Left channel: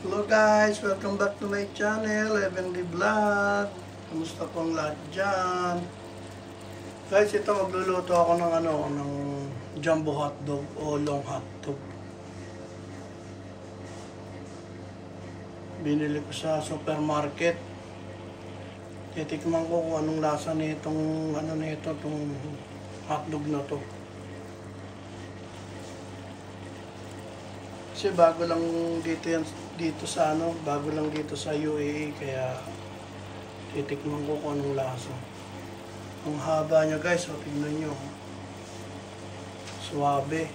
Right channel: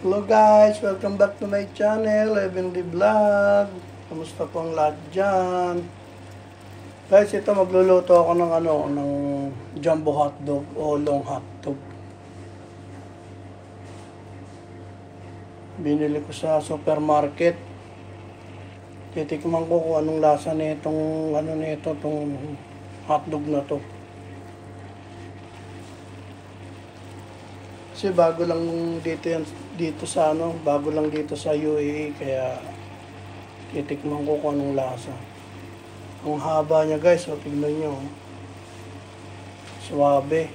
Hello guys, welcome back to my channel, Heavenly Vlog. Kamusta po ang lahat dyan? Guys, ito magluluto ako ng jumbo hotdog o long hotdog. Binili ko sa supermarket. Titikman ko kung anong lasa nitong itong hotdog na to. Kasi bago lang dito sa UAE, kaya titikman ko kung anong lasa. Ang haba niya guys, so tignan nyo. Suwabe.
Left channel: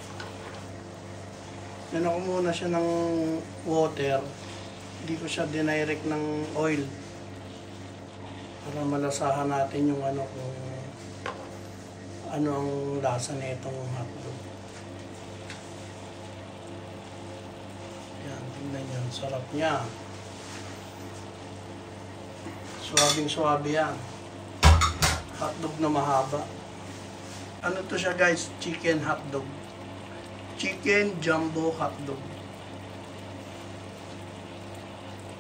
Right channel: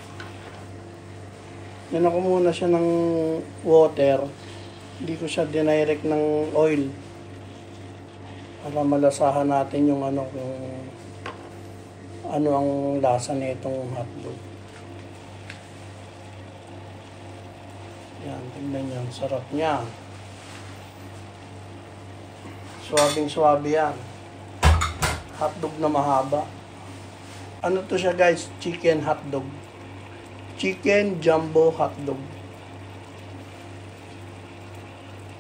Yan ako muna siya ng water. Hindi ko siya dinirect ng oil. Para malasahan natin yung kung ano ang lasa nitong hotdog. Yan, tingnan nyo. Sarap niya. Suwabing-suwabe yan. Hotdog na mahaba. Ano to siya guys? Chicken hotdog. Chicken jumbo hotdog.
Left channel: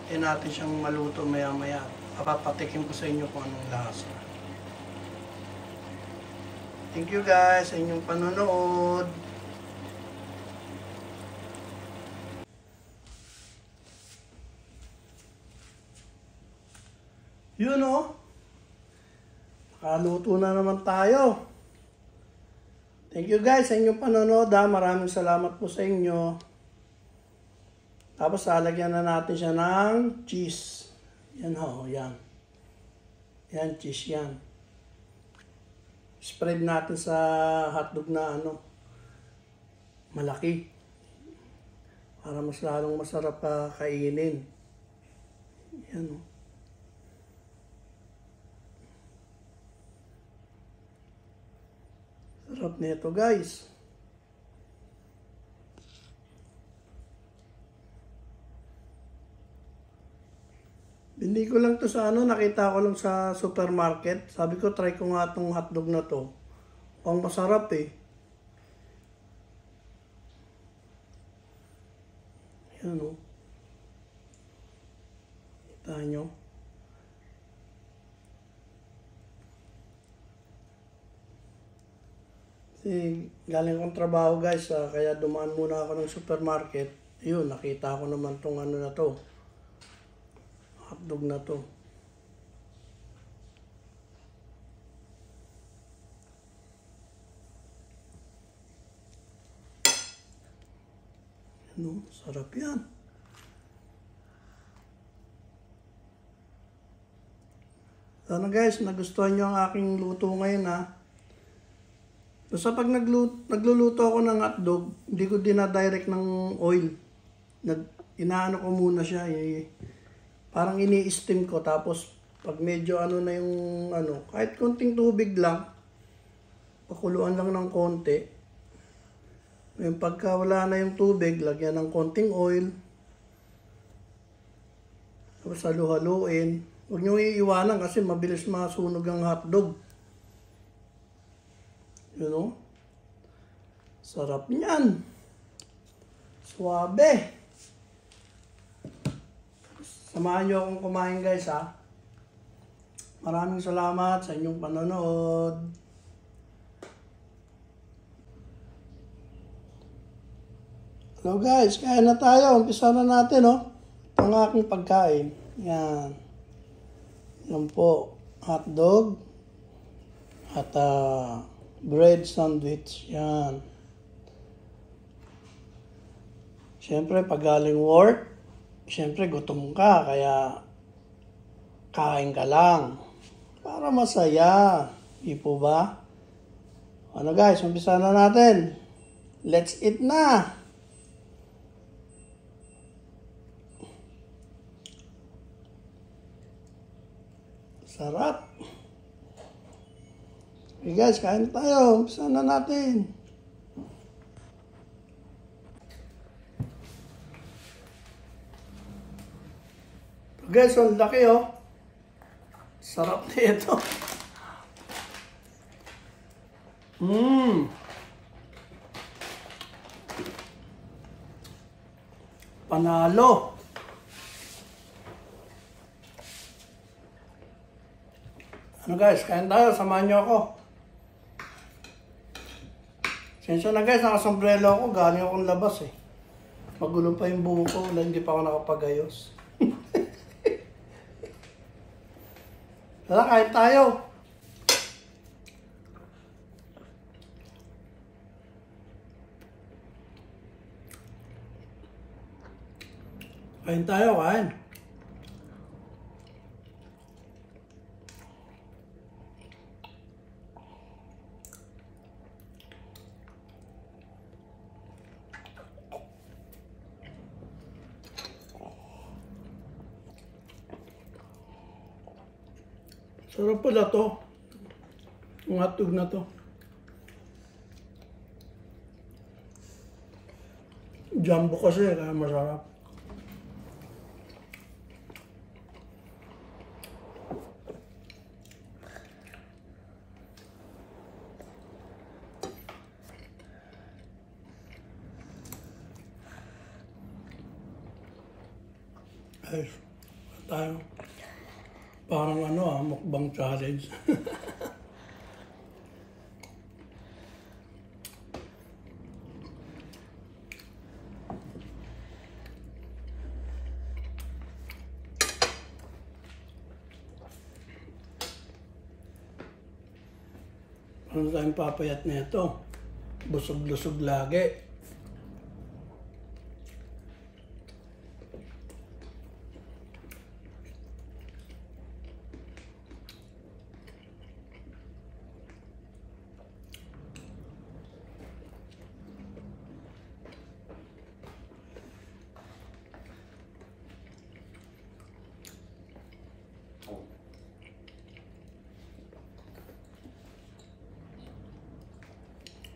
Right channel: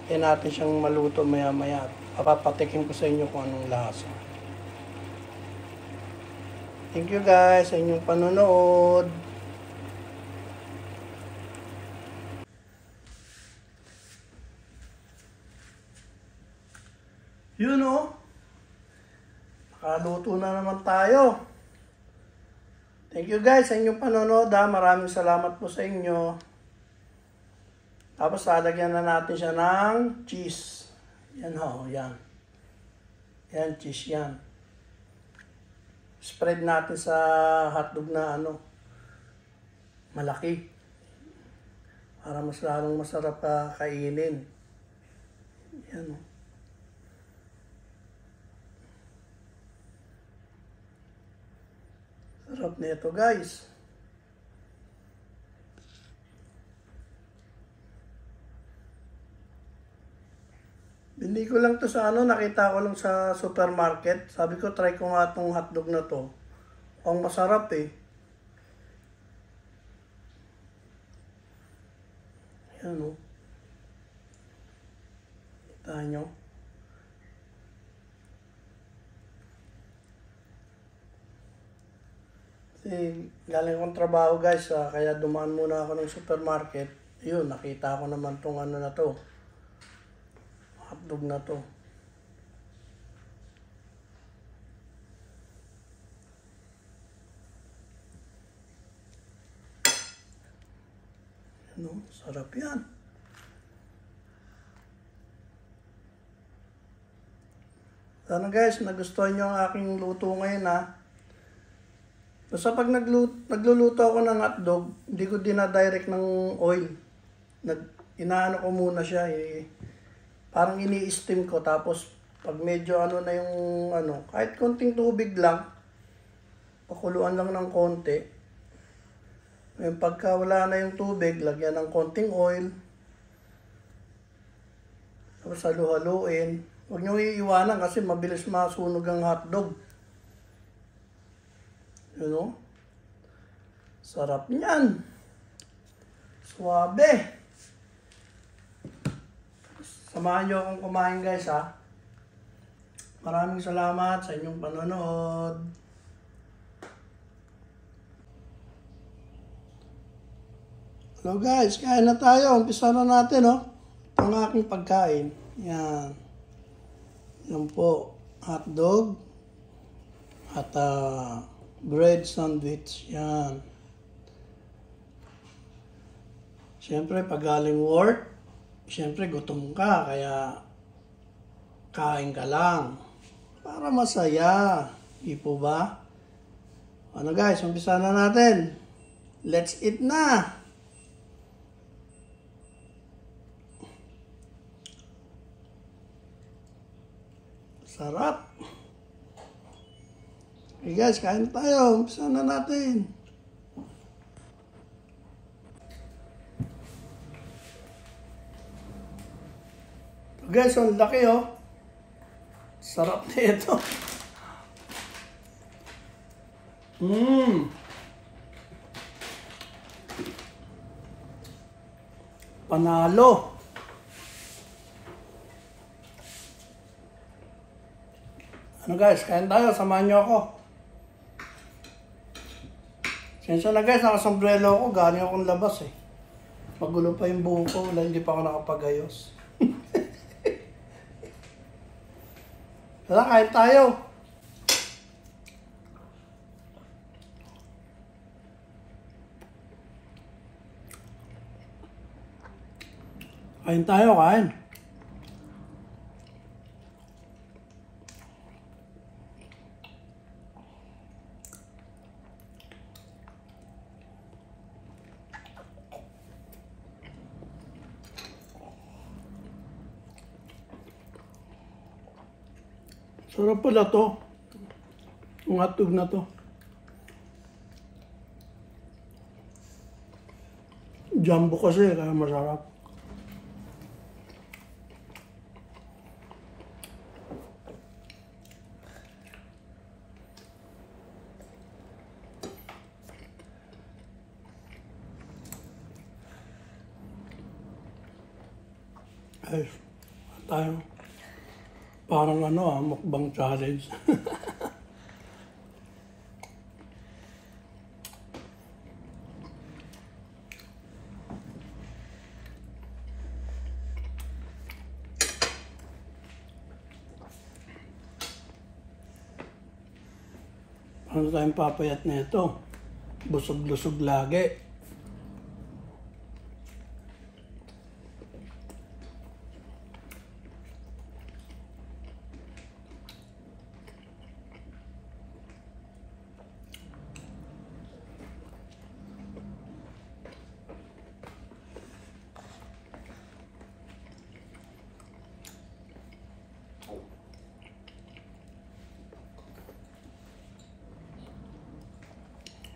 Kaya natin siyang maluto maya-maya. Papatikin ko sa inyo kung anong lasa. Thank you guys sa inyong panonood. Yun o. Nakaluto na naman tayo. Thank you guys sa inyong panonood ha. Maraming salamat po sa inyo. Tapos lalagyan na natin siya ng cheese. Yan ho, yan. Yan, cheese yan. Spread natin sa hotdog na malaki. Para mas lalong masarap kainin. Yan o. Sarap nito guys. Bili ko lang to sa nakita ko lang sa supermarket. Sabi ko try ko nga itong hotdog na to. Ang masarap eh. Yan o. Kita nyo. Galing akong trabaho guys, kaya dumaan muna ako ng supermarket. Yun, nakita ko naman tong na to. Hotdog na to. Ano, sarap yan. Sana guys, nagustuhan nyo ang aking luto ngayon ha. Basta pag nagluluto ako ng hotdog, hindi ko dinadirect ng oil. Inaano ko muna siya. Parang ini-steam ko. Tapos pag medyo na yung kahit konting tubig lang, pakuluan lang ng konti. Ngayon pagka wala na yung tubig, lagyan ng konting oil. Tapos halu-haluin. Huwag nyo iiwanan kasi mabilis masunog ang hotdog. You know? Sarap niyan. Suwabe. Samahan nyo akong kumain guys ha. Maraming salamat sa inyong panonood. Hello guys, kain na tayo. Umpisa na natin Ito ang aking pagkain. Yan. Yan po. Hotdog. At bread sandwich. Yan. Siyempre, pag galing work, siyempre gutom ka, kaya kain ka lang. Para masaya. Di po ba? Ano guys, umpisa na natin. Let's eat na! Sarap! Okay guys, kain tayo. Umpisa na natin. Guys, ang laki Sarap nito. Panalo. Ano guys, kain tayo, samahan nyo ako. Sensya na guys, nakasombrelo ako, galing akong labas eh. Magulo pa yung buho ko, wala, hindi pa ako nakapagayos. Tara, kain tayo. Kain tayo, kain. Sarap pala to. Yung hotdog na to. Jumbo kasi, kaya masarap. Ay, tayo. Parang mukbang challenge. Ano tayong papayat na ito? Busog-lusog lagi.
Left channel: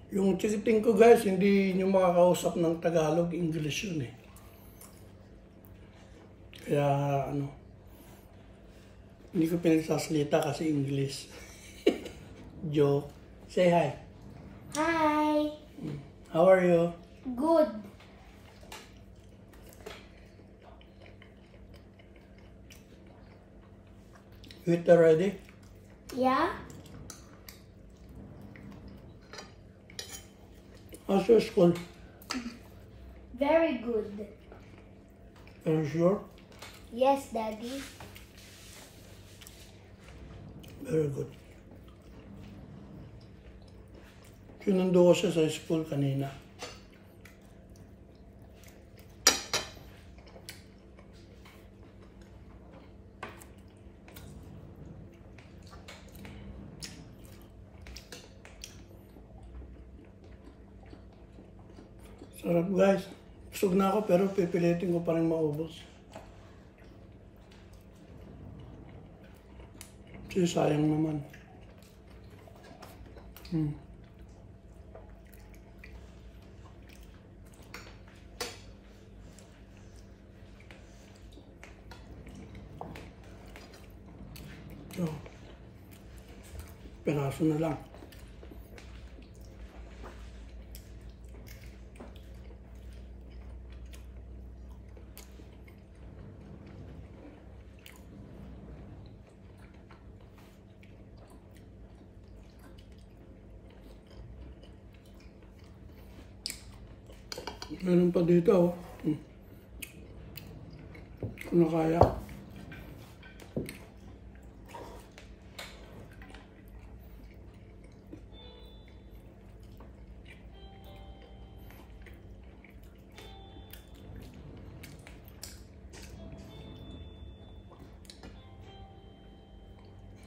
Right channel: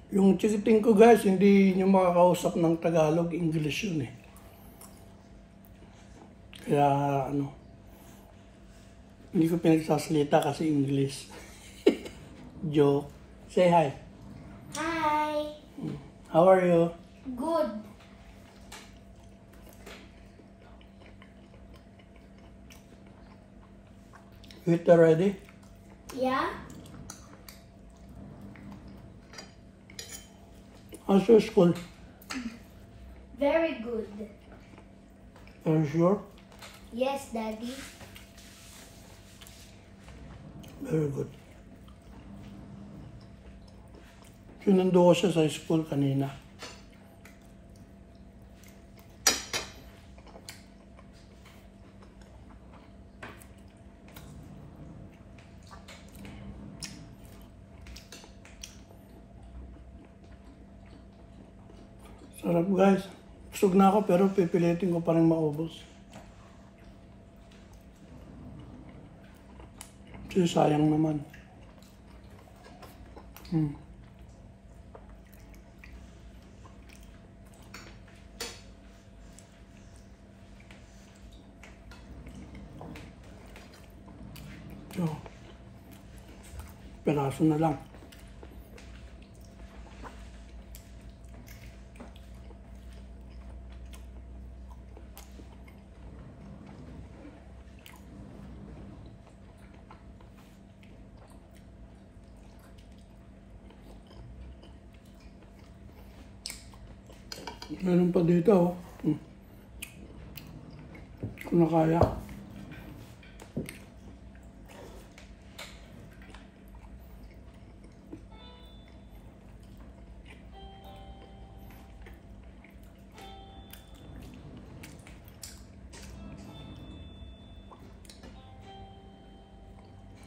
Yung chikiting ko guys, hindi nyo makakausap ng Tagalog, English yun eh. Kaya hindi ko pinagsasalita kasi English. Joke. Say hi. Hi. How are you? Good. You eat already? Yeah? How's your school? Very good. Are you sure? Yes, Daddy. Very good. Sinundo ko siya sa school kanina. Sarap guys. Busog na ako pero pipilitin ko pa rin maubos. Kasi sayang naman. So, peraso na lang. Meron pa dito, oh. Kung na kaya.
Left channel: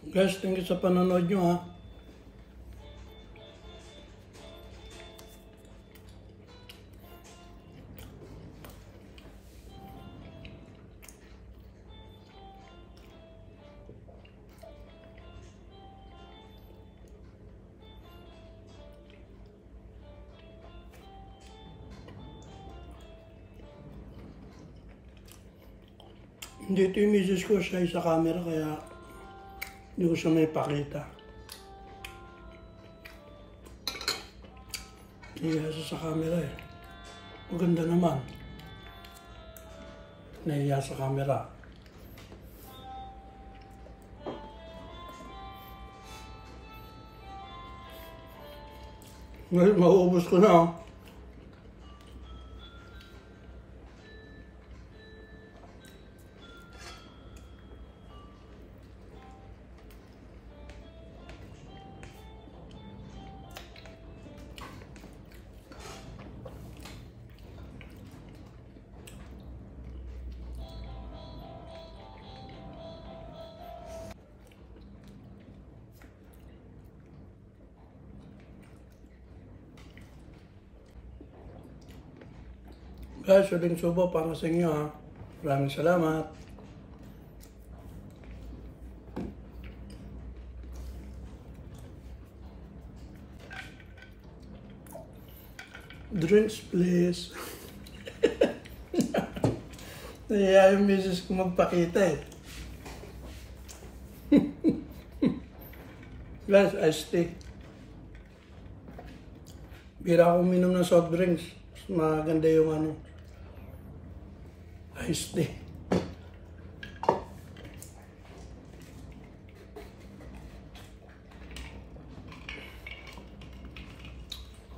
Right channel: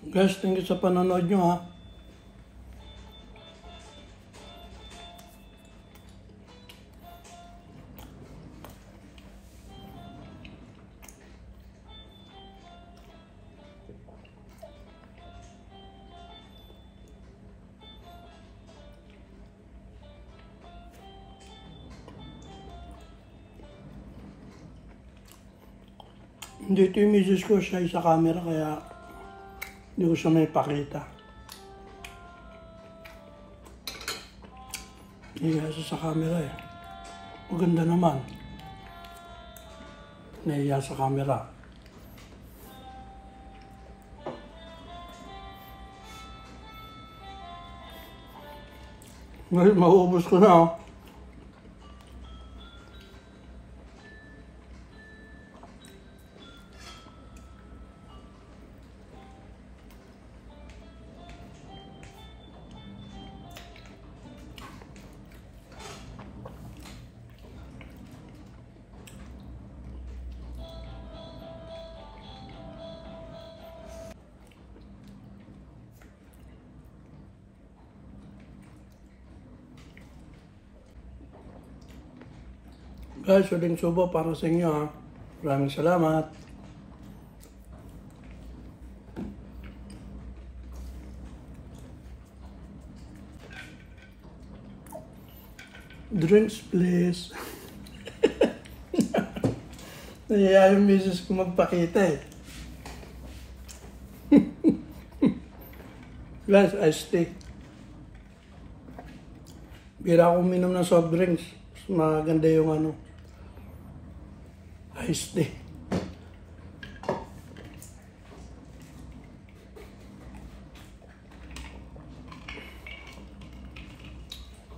Guys, thank you sa panonood nyo ha. Dito yung misis ko, siya sa camera kaya hindi ko siya may pakita. Nahiya siya sa camera eh. Maganda naman. Nahiya sa camera. Ngayon, mauubos ko na oh. Guys, uling subo para sa inyo ha. Maraming salamat. Drinks please. Naya yung misis ko magpakita eh. Guys, iced tea. Bira akong minom ng soft drinks. Maganda yung ano. Iced tea.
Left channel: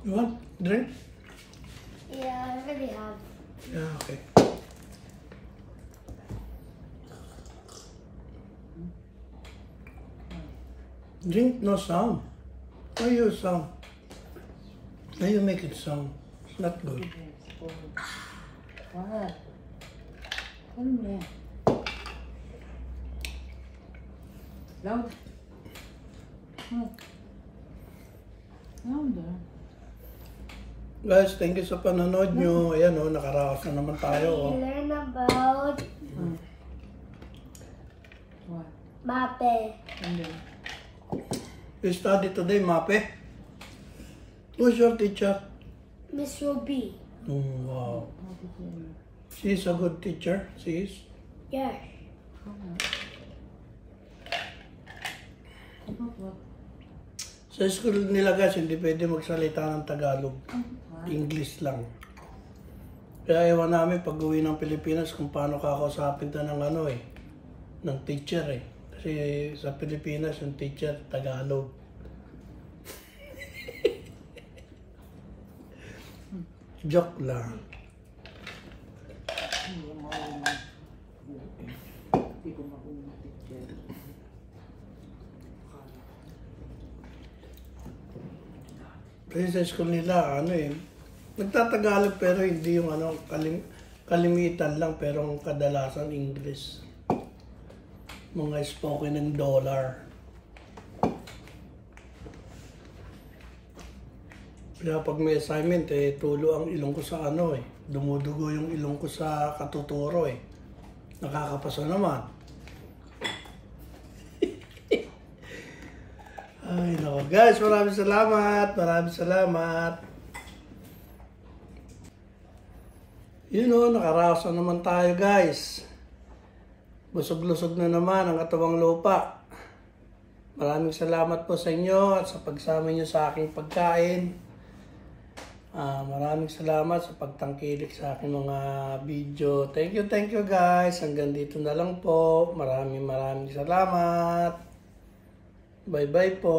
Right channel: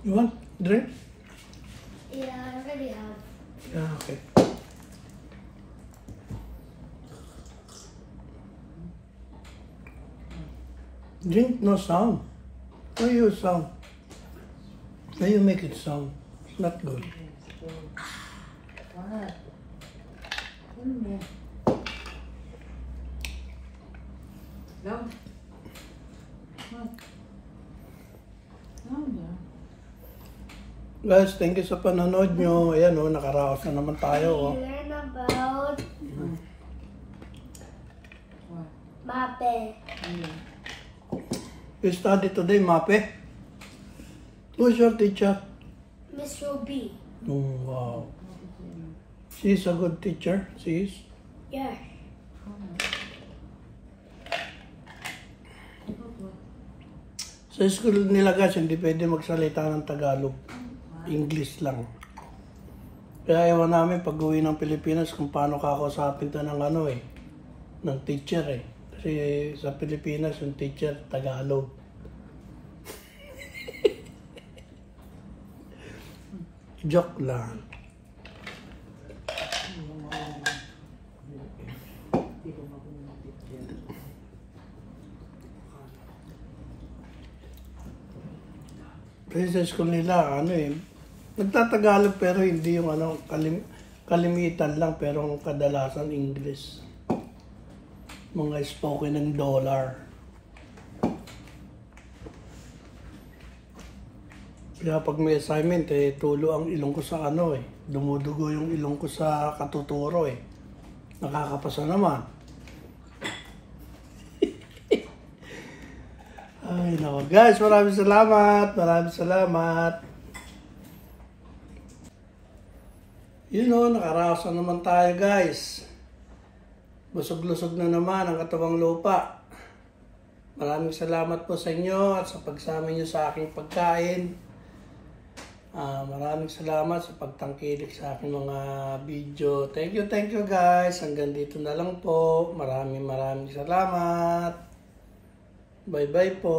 You want drink? Yeah, I already have. Yeah, okay. Drink no sound. Why you sound? Why you make it sound? It's not good. What? Ano na? Loud? What? Loud ah. Guys, thank you sa panonood nyo. Ayan o, nakaraos na naman tayo. Oh. We learn about What? mape. Ano? We study today, Mape. Who's your teacher? Miss Ruby. Oh, wow. What is it? She's a good teacher. She is. Yes. What? Sa school nila guys, hindi pwede magsalita ng Tagalog. English lang. Kaya ewan namin pag uwi ng Pilipinas kung paano kakausapin ta ng ano eh. Ng teacher eh. Kasi sa Pilipinas yung teacher Tagalog. Joke lang. Kasi sa school nila, ano eh, nagtatagalog pero hindi yung ano, kalimitan lang pero ang kadalasan English. Mga spoken ng dollar. Kaya pag may assignment eh, tulo ang ilong ko sa ano eh. Dumudugo yung ilong ko sa katuturo eh. Nakakapasa naman. Ay no, guys, maraming salamat. Maraming salamat. Yun o, nakaraos na naman tayo guys. Busog-lusog na naman ang katawang lupa. Maraming salamat po sa inyo at sa pagsama nyo sa aking pagkain. Maraming salamat sa pagtangkilik sa aking mga video. Thank you guys. Hanggang dito na lang po. Maraming salamat. Bye-bye po.